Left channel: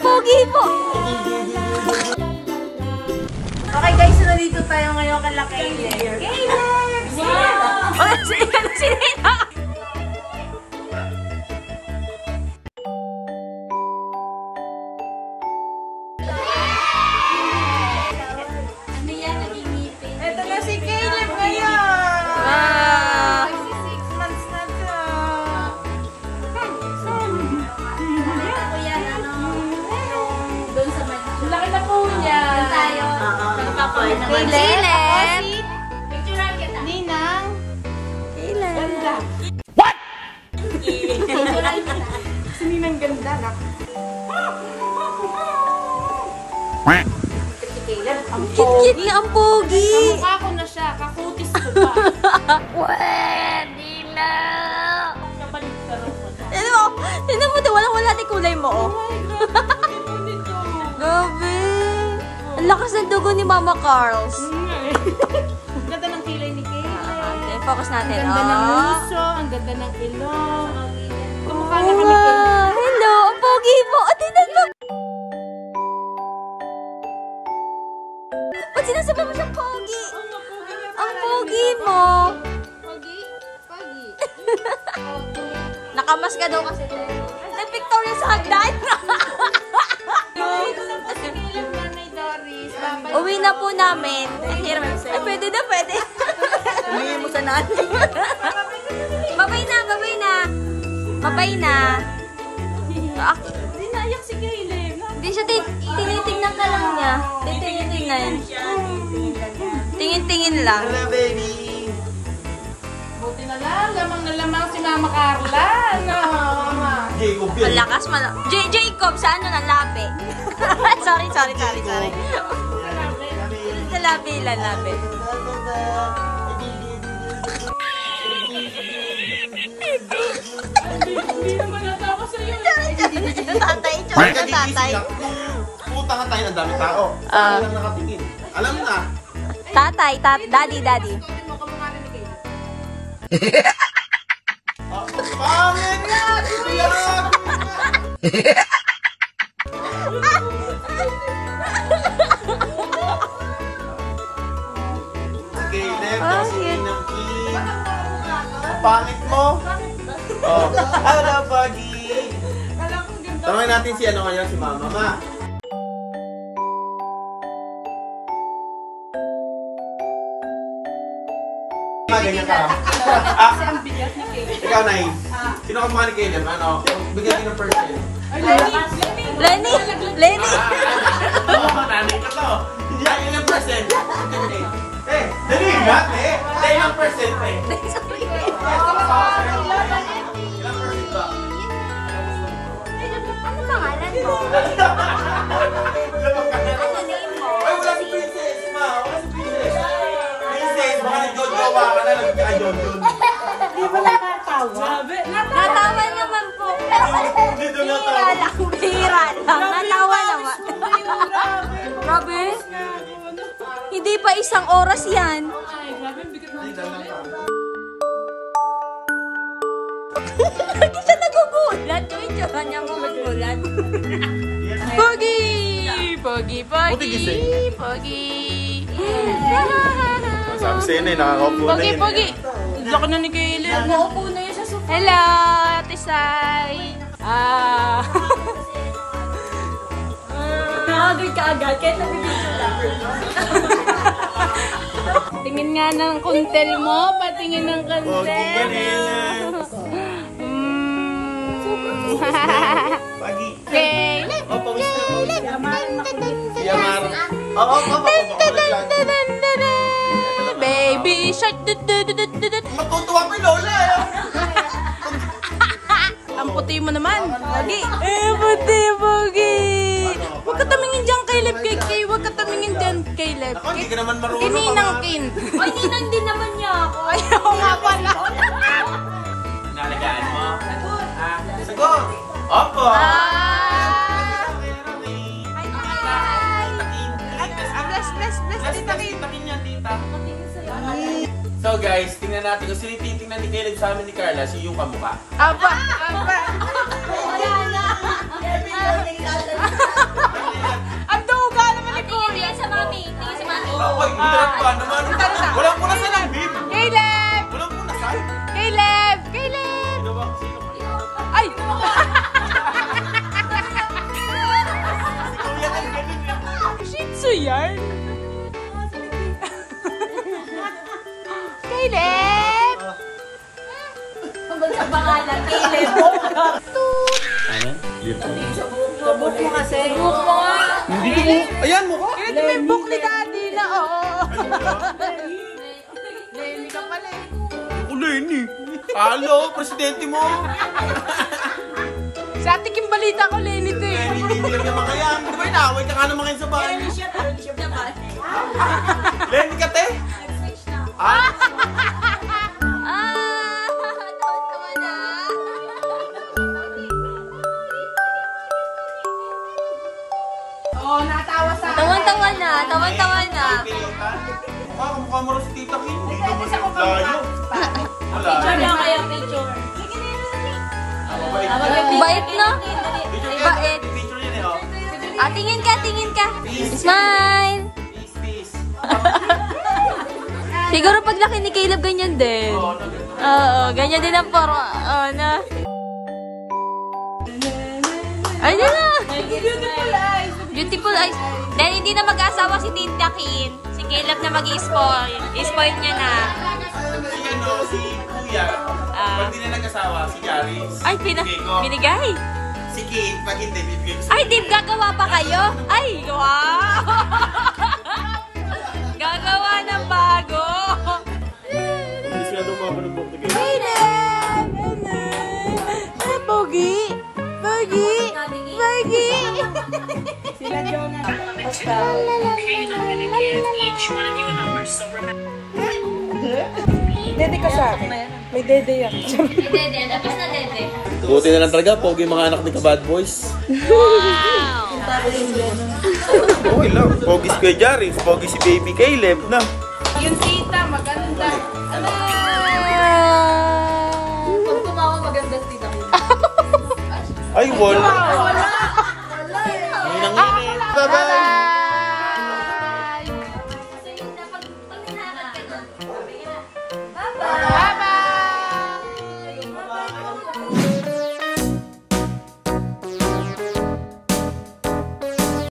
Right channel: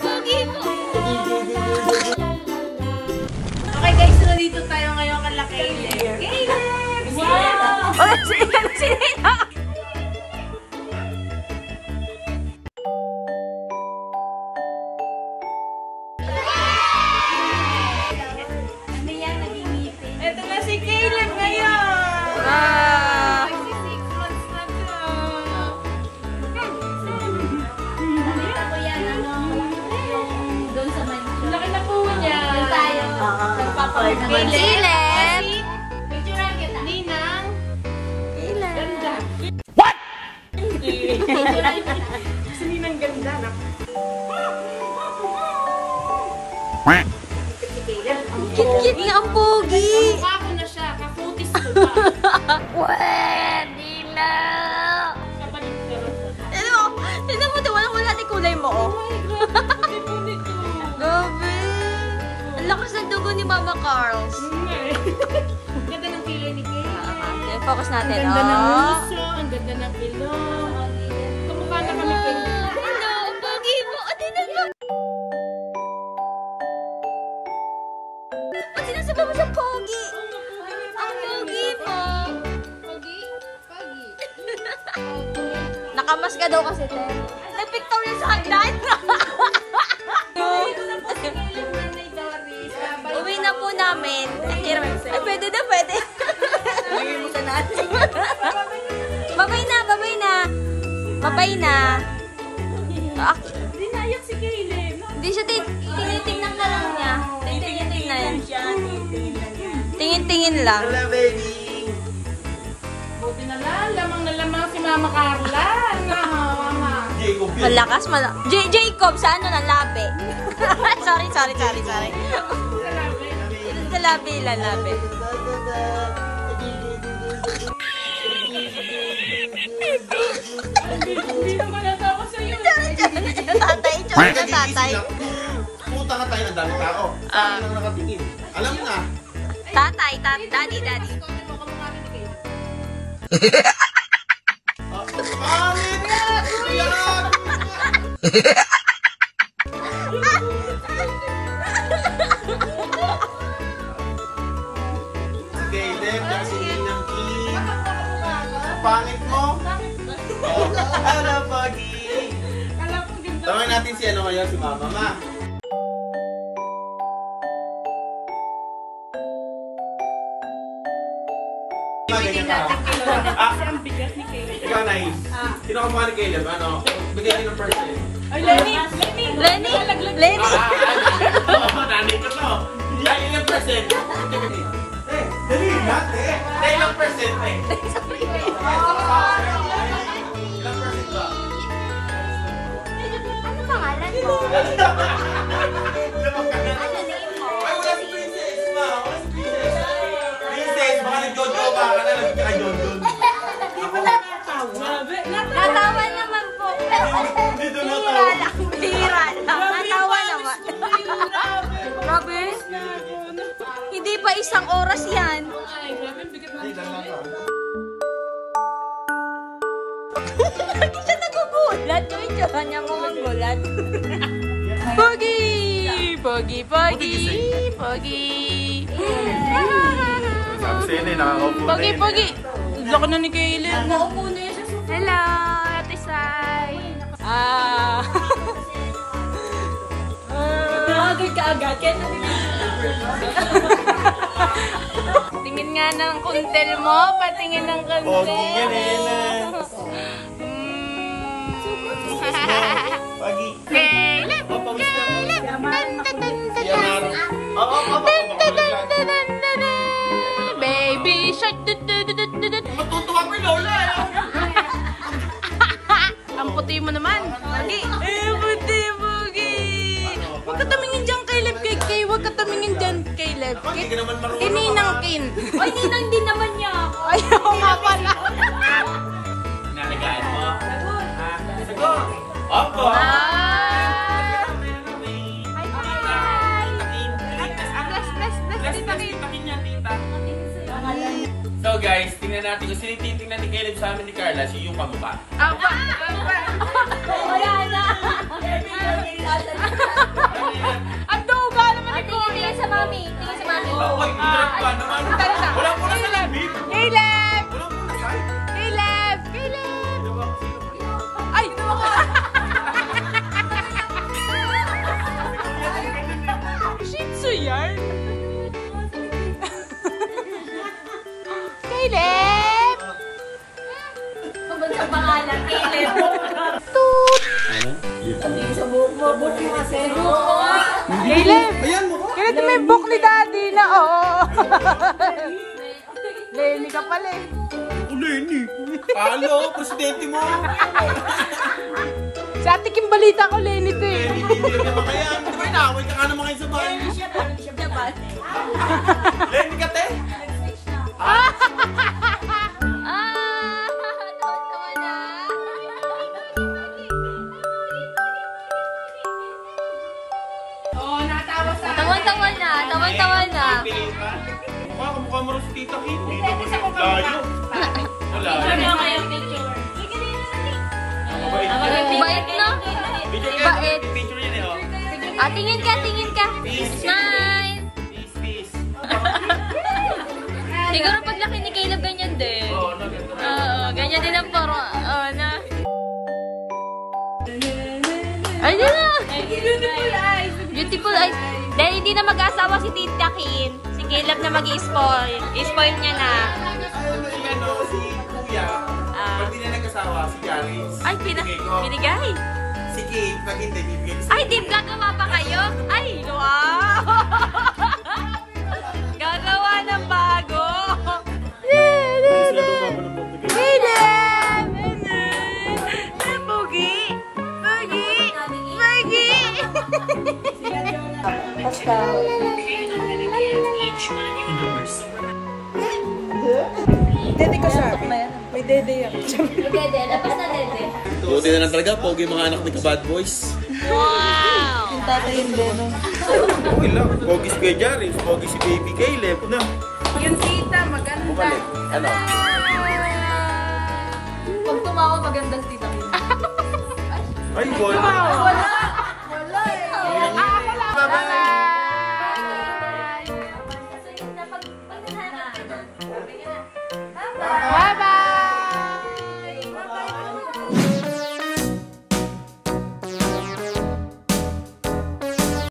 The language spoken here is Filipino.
Pogi po! Okay guys, so nandito tayo ngayon kala Caleb. Wow! Oh, si Nina! Ito na si Caleb ngayon! Ah! Laki na po niya. Caleb! Ninang. Ganda. Si Ninang ganda na. Kit-kit niya ang pogi! Kamukha ko na siya. Kakutis ko pa. Pwede na! Kabalik ka rin ko. Tignan mo ito, walang-wala ni kulay mo, oh. Gabi! Ang lakas ng dugo ni Mama Carls. Ganda ng kilay ni Kay. Focus natin, Ang ganda ng oh. muso, ang ganda ng ilong. Kamukha na kami kay Hello, ang pogi mo! At tignan mo! At sinasabi mo sa pogi! Ang pogi mo! Nakamas ka daw kasi, te. Napiktaw niya sa hagdan! Uwi na po namin. Ay, pwede na, pwede. Babay na, babay na. Babay na. Hindi naiyak si Caleb. Hindi siya, tinitingnan ka lang niya. Tinitingnan. Tingin-tingin lang. Hello, baby. Buti na lang, lamang na lamang si Mama Carla. Ano, Mama? Jacob yun. Malakas, Jacob, sa ano na labi? sorry. Sa labi, lalabi. Hindi naman natawa sa'yo. Tatay. Puta ka tayo ng dami tao. Saan lang nakatingin? Alam mo na. Tatay, daddy. Pangit na! Caleb, kasi ng king. Pangit mo? Ano, Pagi? Tawagin natin si ano ngayon, si Mama. Ma. Ganyan ka. Kasi ang bigat ni Caleb. Ikaw, Nay. Sino ka mukha ni Caleb? Ano? Bigyan din ng person. Ay, Lenny! Lenny. Nanay ka to. Yan yung person. Eh, dali nga. Eh, ilang person eh. Ilang person ba? Ano pangalan mo? Ano name mo? Ay, wala si Princess, ma. Wala si Princess. Princess, baka nag-jojo ka ka na. Nag-jojo. Grabe! Natawa naman po. Bihira lang. Natawa naman. Grabe. Hindi pa isang oras yan. Ay, grabe, ang bigat ng Hindi siya nagugulat. Itsura niya magugulat. Pogi! Pogi! Sabi sa'yo na, nakaka-upload. Pogi! Laki na ni Caleb. Naupo na yun sa sofa. Hello, Ate Sai. Nakagay ka agad. Kaya tingin nga ng kuntel mo. Patingin ng kuntel. Pogi yan, Ella. Pagi. Papawis na. Si Amar. Oo, Baby shark. matutuwa mo, Lola. Ang puti mo naman. Pogi. Pogi. Huwag ka tamingin dyan, Caleb. Huwag ka tamingin dyan, Caleb. Hindi ka naman marunong. Tininang kin. Ay, ninang din naman niya ako. Ayaw nga pala. Naligaan mo. Sagot. Opo. So guys, tingnan natin kung sino titingnan ni Caleb sa amin ni Carla, si yung kamukha. Aba. Ang duga naman ni Kuya. Hoy, Tara na. wala po na sa langit. Caleb! Wala po na sa Caleb! Caleb! Ay! Shih Tzu yan. Caleb! Ang pangalan, Caleb. Sabot mo kasi. Sabot mo nga. Ayan mo ko. Caleb, may book ni Daddy na, oo. Lenny ka pala eh. Lenny. Halo, presidente mo. Sa ating yung balita ko, Lenny to eh. Hindi naman kaya. May naaway ka naman kayo sa bahay. Lenny ka, te. Oo, natawa sa Tawan-tawan na, tawan-tawan na. Ah, mukha mo rin si Tita Kim. Pwede sa mukha mo Layo. Wala. kayong picture. Bait na. Bait. Picture yun eh, oh. Tingin ka, tingin ka. Smile. Peace, peace. Siguro pag laki ni Caleb, ganyan din. Oo, Oo, ganyan din ang paro. Na. Ayun na. Beautiful eyes. Beautiful eyes. Dahil hindi na mag-asawa si Tita Kin. Si Caleb na mag-i-spoil. I-spoil niya na. si Kuya. Pag hindi na nag-asawa, si Charis. Ay, Kiko. binigay. Si Kate, pag hindi, bibigay ko sa Ay, Dave, gagawa pa kayo? Ay, wow! Gagawa ng bago. Hindi sila dumago ng buti. Caleb! Pogi! Pogi! Pogi! Dede ka sa akin. May dede yan. Dede, labas na dede. Buti na lang talaga, pogi mga anak ni Kabad Boys. Wow! Okay lang. Pogi si Kuya Charis, pogi si Baby Caleb na. Yung tita, maganda. Pag tumawa, maganda si tita. Ay, wala. Wala. Ay, nangyari. Bye-bye!